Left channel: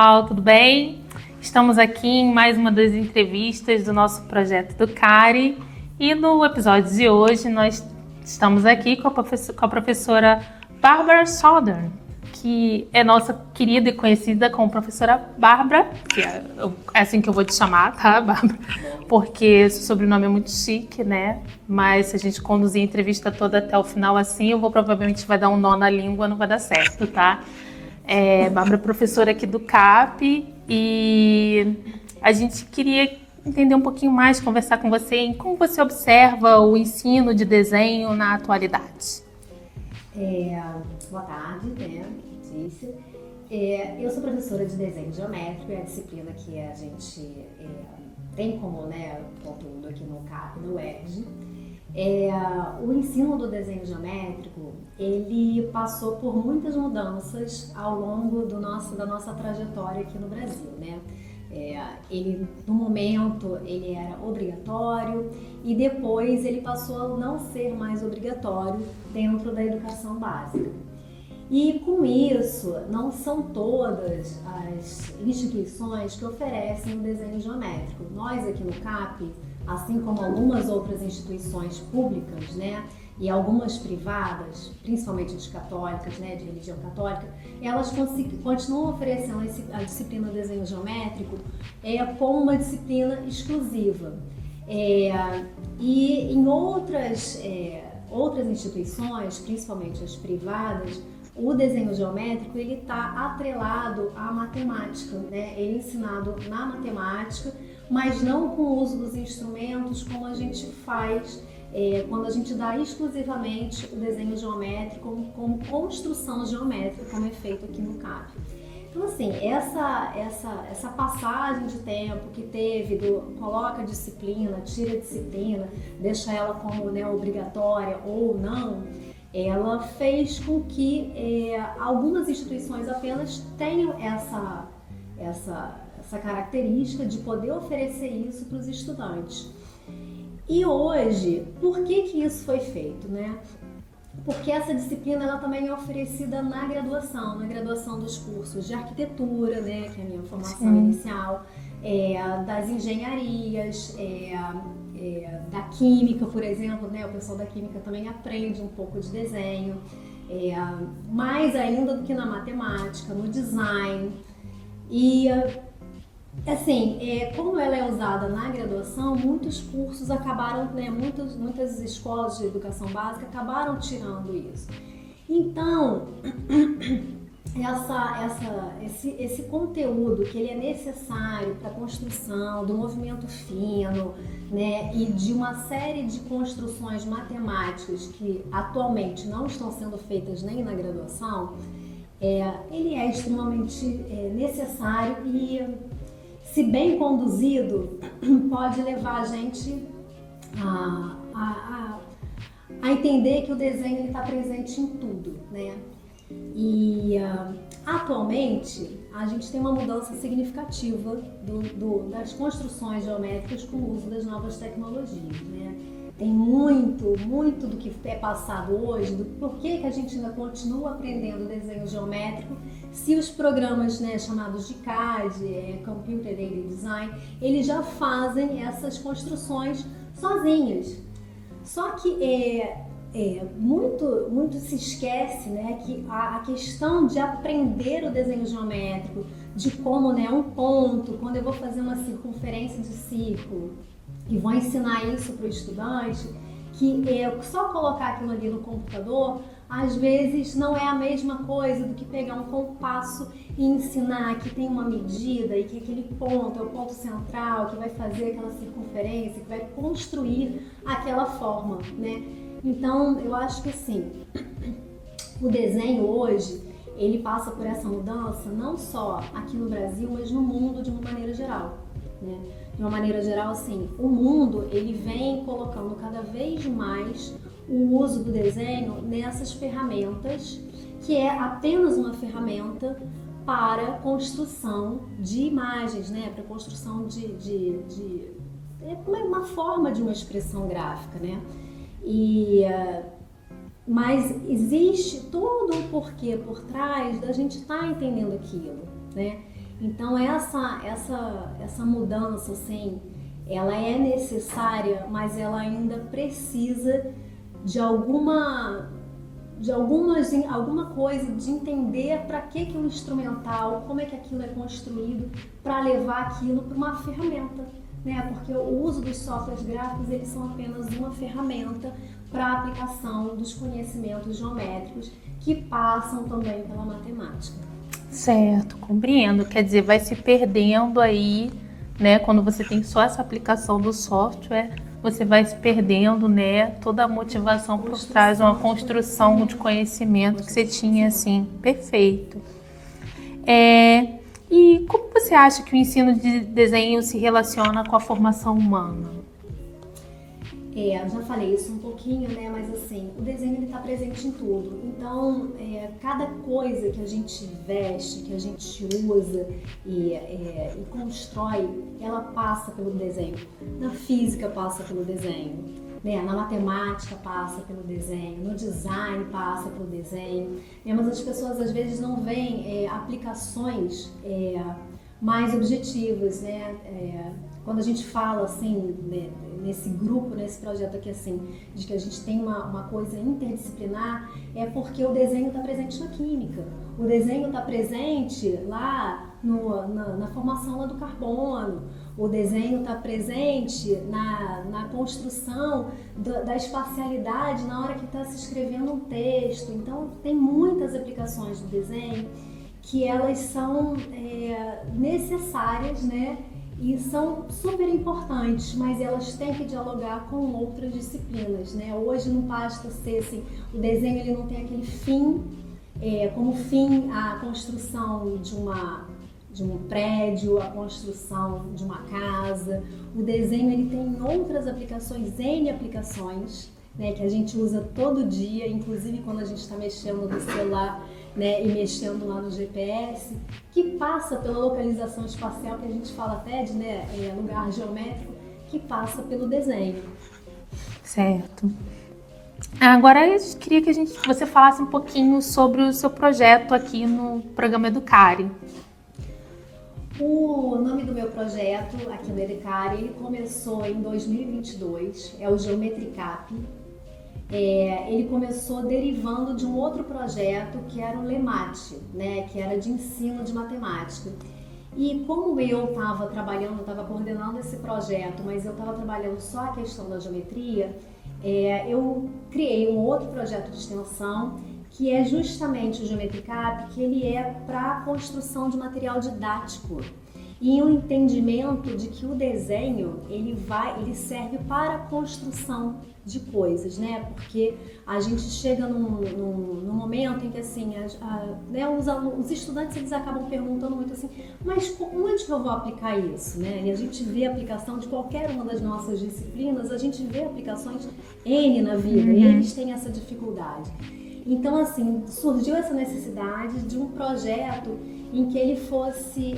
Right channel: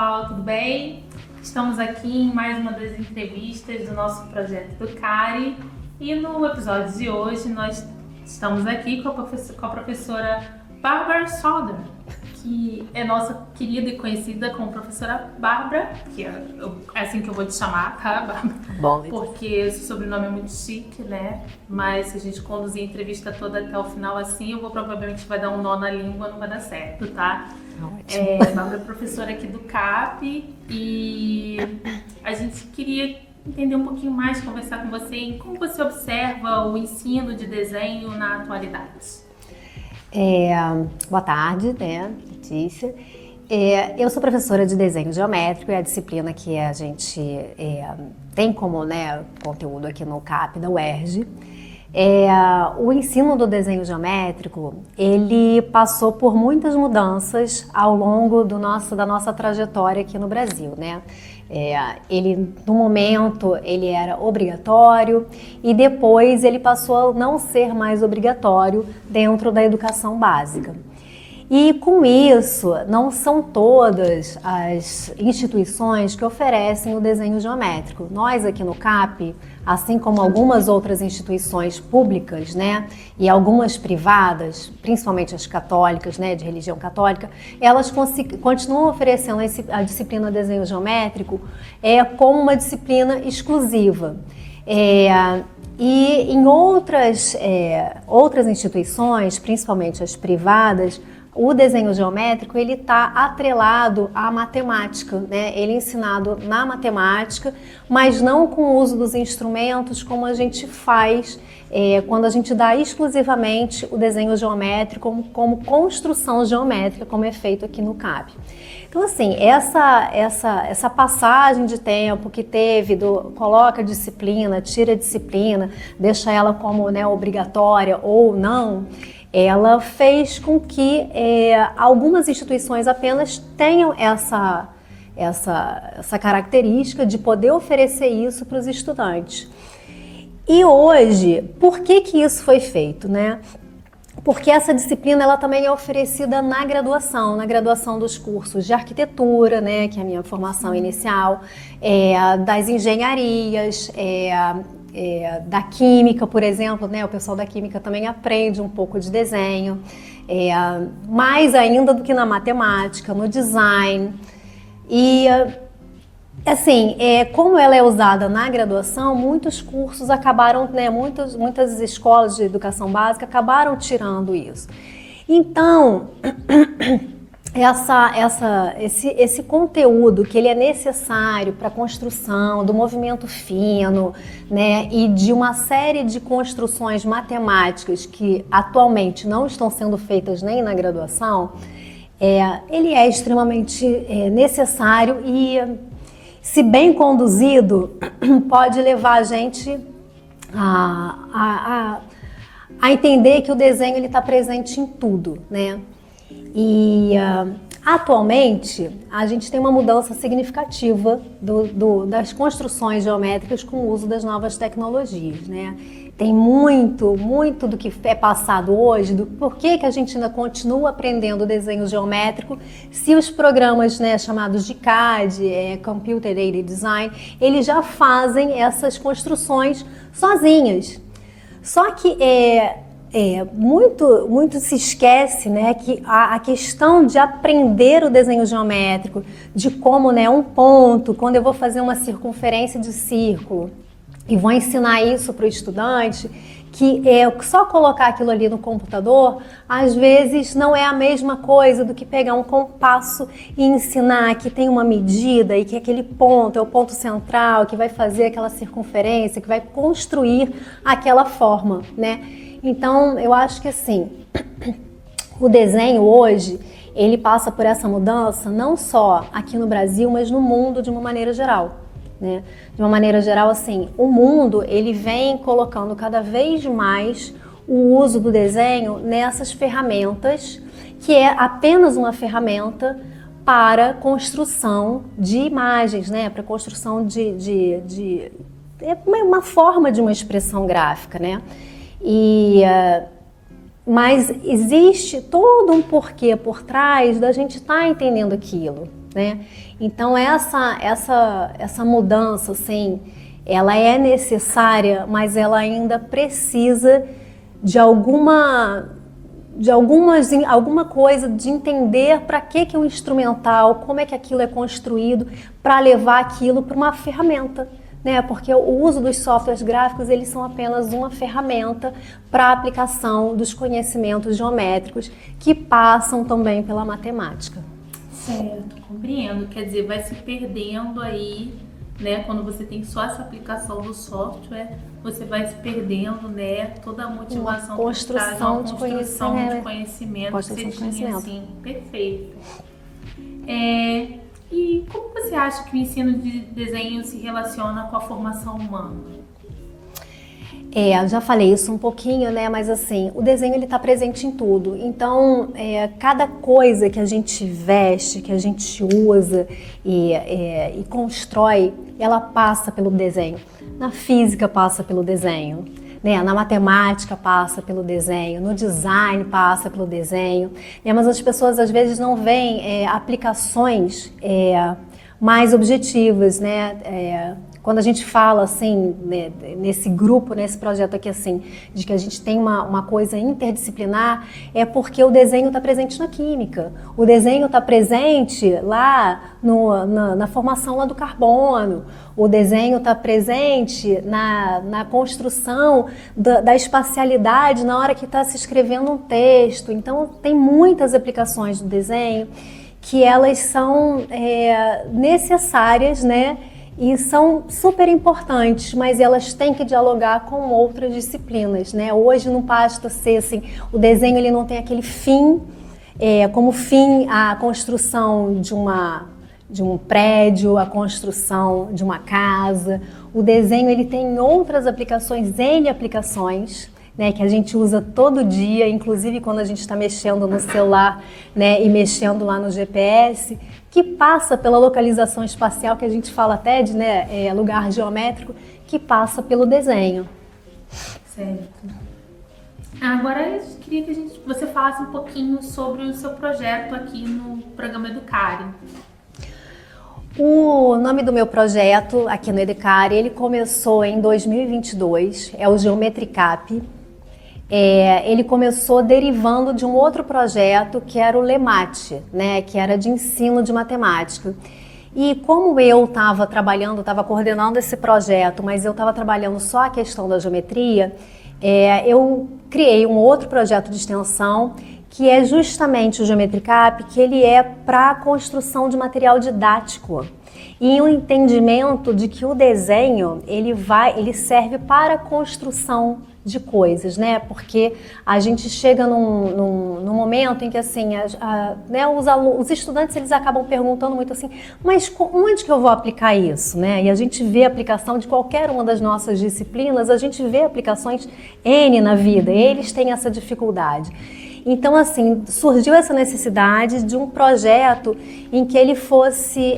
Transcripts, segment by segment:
pessoal, tudo bem? Estamos aqui em mais uma das entrevistas do nosso projeto do CARI e no episódio de hoje nós estamos aqui com a professora Barbara Southern, que é nossa querida e conhecida como professora Bárbara, que é assim que eu vou te chamar, tá, Bárbara? Bom, Porque esse sobrenome é muito chique, né? Mas se a gente conduzir a entrevista toda até o final assim, eu vou provavelmente vai dar um nó na língua, não vai dar certo, tá? Bárbara é professora aqui do CAP e a gente queria entender um pouquinho mais, conversar com você em como você observa o ensino de desenho na atualidade. Boa tarde, né, Letícia? Eu sou professora de desenho geométrico, é a disciplina que a gente tem como, né, conteúdo aqui no CAP da UERJ. O ensino do desenho geométrico, ele passou por muitas mudanças ao longo da nossa trajetória aqui no Brasil, né? No momento, ele era obrigatório e depois ele passou a não ser mais obrigatório dentro da educação básica. E com isso, não são todas as instituições que oferecem o desenho geométrico. Nós aqui no CAP, assim como algumas outras instituições públicas, né, e algumas privadas, principalmente as católicas, né, de religião católica, elas continuam oferecendo a disciplina desenho geométrico como uma disciplina exclusiva. E em outras instituições, principalmente as privadas, o desenho geométrico ele está atrelado à matemática, né? Ele é ensinado na matemática, mas não com o uso dos instrumentos como a gente faz quando a gente dá exclusivamente o desenho geométrico como construção geométrica, como é feito aqui no CAP. Então, assim, essa passagem de tempo que teve coloca a disciplina, tira a disciplina, deixa ela como, né, obrigatória ou não, ela fez com que algumas instituições apenas tenham essa característica de poder oferecer isso para os estudantes. E hoje, por que isso foi feito, né? Porque essa disciplina ela também é oferecida na graduação dos cursos de arquitetura, né, que é a minha formação inicial, das engenharias, da química, por exemplo, né, o pessoal da química também aprende um pouco de desenho, mais ainda do que na matemática, no design. E assim, como ela é usada na graduação, muitos cursos acabaram, né, muitas escolas de educação básica acabaram tirando isso. Então, esse conteúdo que ele é necessário para a construção do movimento fino, né, e de uma série de construções matemáticas que atualmente não estão sendo feitas nem na graduação, ele é extremamente necessário e, se bem conduzido, pode levar a gente a entender que o desenho está presente em tudo, né? E atualmente a gente tem uma mudança significativa das construções geométricas com o uso das novas tecnologias, né? Tem muito do que é passado hoje, do porquê que a gente ainda continua aprendendo desenho geométrico, se os programas, né, chamados de CAD, Computer Aided Design, eles já fazem essas construções sozinhas. Só que muito se esquece, né, que a questão de aprender o desenho geométrico, de como, né, um ponto, quando eu vou fazer uma circunferência de círculo e vou ensinar isso para o estudante, que só colocar aquilo ali no computador, às vezes não é a mesma coisa do que pegar um compasso e ensinar que tem uma medida e que aquele ponto é o ponto central, que vai fazer aquela circunferência, que vai construir aquela forma, né? Então, eu acho que assim, o desenho hoje, ele passa por essa mudança não só aqui no Brasil, mas no mundo de uma maneira geral, né? De uma maneira geral, assim, o mundo, ele vem colocando cada vez mais o uso do desenho nessas ferramentas, que é apenas uma ferramenta para construção de imagens, né? Para construção é uma forma de uma expressão gráfica, né? Mas existe todo um porquê por trás da gente estar entendendo aquilo, né? Então essa mudança, assim, ela é necessária, mas ela ainda precisa de alguma coisa de entender para que o instrumental, como é que aquilo é construído para levar aquilo para uma ferramenta, né? Porque o uso dos softwares gráficos, eles são apenas uma ferramenta para a aplicação dos conhecimentos geométricos que passam também pela matemática. Certo, compreendo. Quer dizer, vai se perdendo aí, né? Quando você tem só essa aplicação do software, você vai se perdendo, né? Toda a motivação por trás de uma construção de conhecimento que você tinha, assim. Perfeito. E como você acha que o ensino de desenho se relaciona com a formação humana? Eu já falei isso um pouquinho, né? Mas assim, o desenho ele está presente em tudo. Então, cada coisa que a gente veste, que a gente usa e constrói, ela passa pelo desenho. Na física passa pelo desenho, né? Na matemática passa pelo desenho, no design passa pelo desenho. Mas as pessoas às vezes não veem aplicações mais objetivas, né? Quando a gente fala assim, né, nesse grupo, nesse projeto aqui assim, de que a gente tem uma coisa interdisciplinar, é porque o desenho está presente na química, o desenho está presente lá na formação lá do carbono, o desenho está presente na construção da espacialidade na hora que está se escrevendo um texto. Então tem muitas aplicações do desenho que elas são necessárias, né? E são super importantes, mas elas têm que dialogar com outras disciplinas, né? Hoje não basta ser assim, o desenho ele não tem aquele fim, como fim a construção de um prédio, a construção de uma casa. O desenho ele tem outras aplicações, N aplicações, né, que a gente usa todo dia, inclusive quando a gente está mexendo no celular, né, e mexendo lá no GPS, que passa pela localização espacial, que a gente fala até de, né, lugar geométrico, que passa pelo desenho. Certo. Agora eu queria que você falasse um pouquinho sobre o seu projeto aqui no programa Educare. O nome do meu projeto aqui no Educare, ele começou em 2022, é o Geometricap. Ele começou derivando de um outro projeto que era o LEMAT, né, que era de ensino de matemática. E como eu estava coordenando esse projeto, mas eu estava trabalhando só a questão da geometria, eu criei um outro projeto de extensão que é justamente o Geometricap, que ele é para a construção de material didático. E um entendimento de que o desenho ele serve para a construção de coisas, né? Porque a gente chega num momento em que assim, né, os estudantes eles acabam perguntando muito assim, mas onde que eu vou aplicar isso, né? E a gente vê a aplicação de qualquer uma das nossas disciplinas, a gente vê aplicações N na vida, eles têm essa dificuldade. Então, assim, surgiu essa necessidade de um projeto em que ele fosse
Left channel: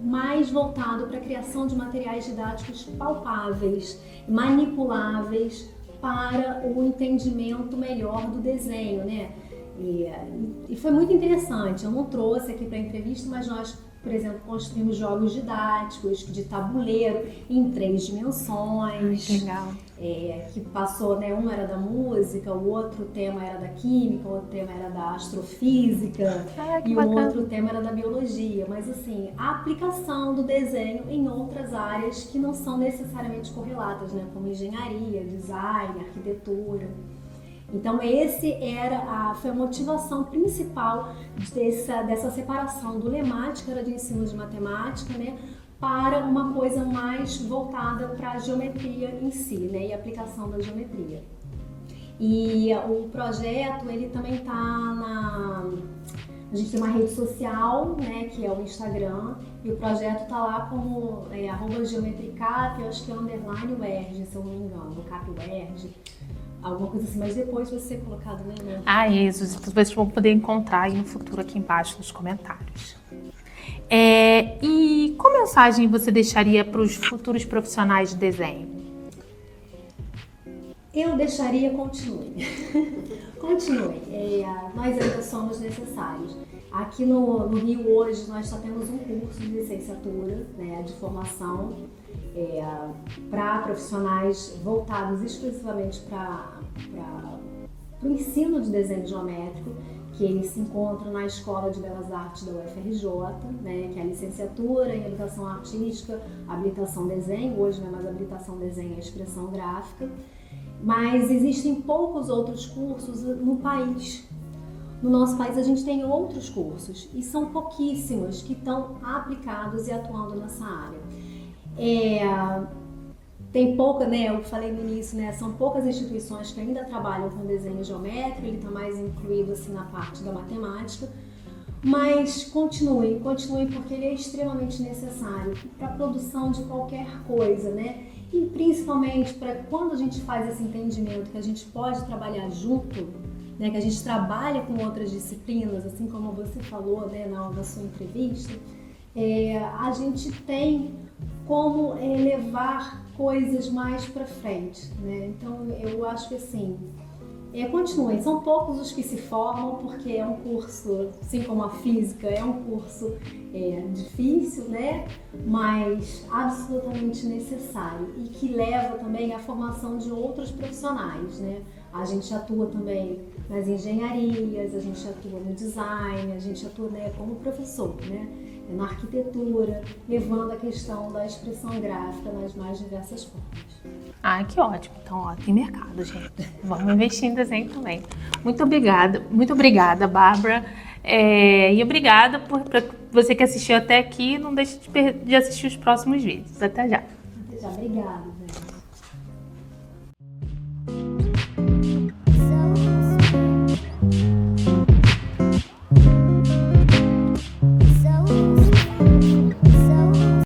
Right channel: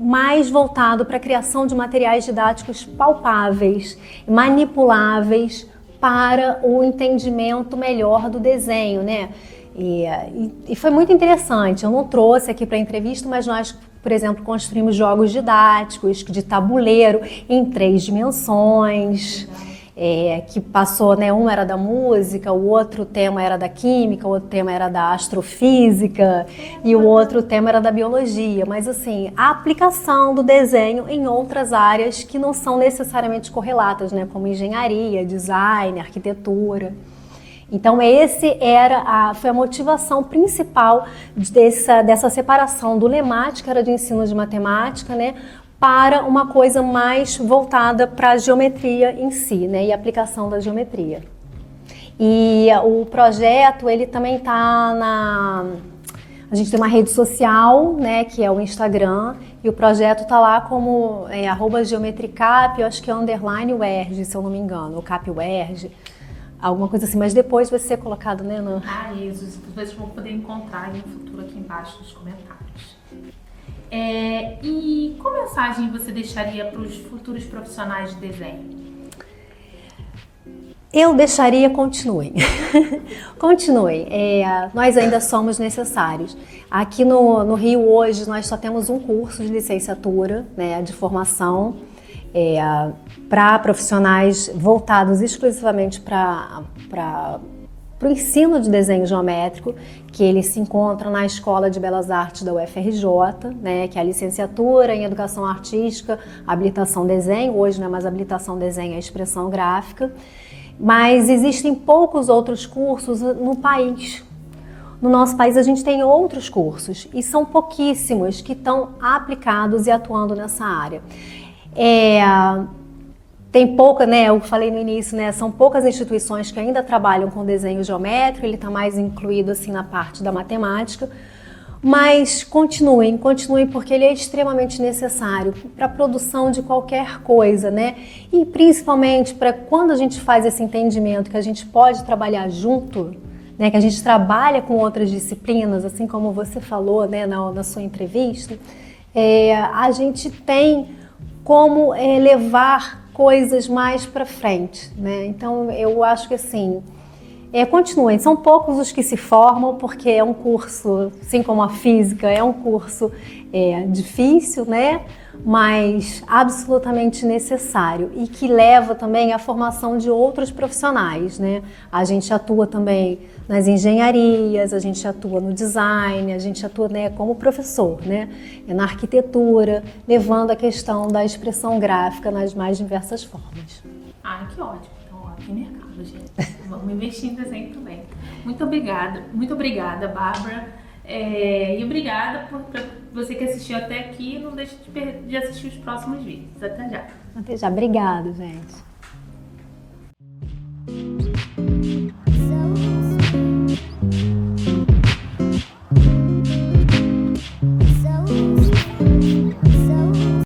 mais voltado para a criação de materiais didáticos palpáveis, manipuláveis para o entendimento melhor do desenho, né? E foi muito interessante. Eu não trouxe aqui para a entrevista, mas nós, por exemplo, construímos jogos didáticos de tabuleiro em 3 dimensões. Legal. Que passou, né? Um era da música, o outro tema era da química, o outro tema era da astrofísica e o outro tema era da biologia. Mas assim, a aplicação do desenho em outras áreas que não são necessariamente correlatas, né? Como engenharia, design, arquitetura. Então foi a motivação principal dessa separação do LEMAT, que era de ensino de matemática, né? Para uma coisa mais voltada para a geometria em si, né, e a aplicação da geometria. E o projeto, ele também está a gente tem uma rede social, né, que é o Instagram, e o projeto está lá como @geometricap, eu acho que é _UERJ, se eu não me engano, o Cap UERJ, alguma coisa assim, mas depois vai ser colocado, né, isso, vocês vão poder encontrar aí no futuro aqui embaixo nos comentários. E qual mensagem você deixaria para os futuros profissionais de desenho? Eu deixaria continuem. Continuem. Nós ainda somos necessários. Aqui no Rio hoje nós só temos um curso de licenciatura, né, de formação para profissionais voltados exclusivamente para o ensino de desenho geométrico, que ele se encontra na Escola de Belas Artes da UFRJ, né, que é a licenciatura em Educação Artística, habilitação desenho, hoje não é mais habilitação desenho, é expressão gráfica. Mas existem poucos outros cursos no país. No nosso país a gente tem outros cursos e são pouquíssimos que estão aplicados e atuando nessa área. Tem pouca, né? Eu falei no início, né? São poucas instituições que ainda trabalham com desenho geométrico, ele está mais incluído assim na parte da matemática. Mas continuem porque ele é extremamente necessário para a produção de qualquer coisa, né? E principalmente para quando a gente faz esse entendimento que a gente pode trabalhar junto, né? Que a gente trabalha com outras disciplinas, assim como você falou, né? Na sua entrevista, a gente tem como levar coisas mais para frente, né? Então eu acho que assim, continuem, são poucos os que se formam, porque é um curso, assim como a física, é um curso difícil, né? Mas absolutamente necessário e que leva também à formação de outros profissionais, né? A gente atua também nas engenharias, a gente atua no design, a gente atua, né, como professor, né? Na arquitetura, levando a questão da expressão gráfica nas mais diversas formas. Ah, que ótimo. Então, ó, tem mercado, gente. Vamos investir em desenho também. Muito obrigada, Bárbara. E obrigada por você que assistiu até aqui. Não deixe de assistir os próximos vídeos. Até já. Até já. Obrigada, gente.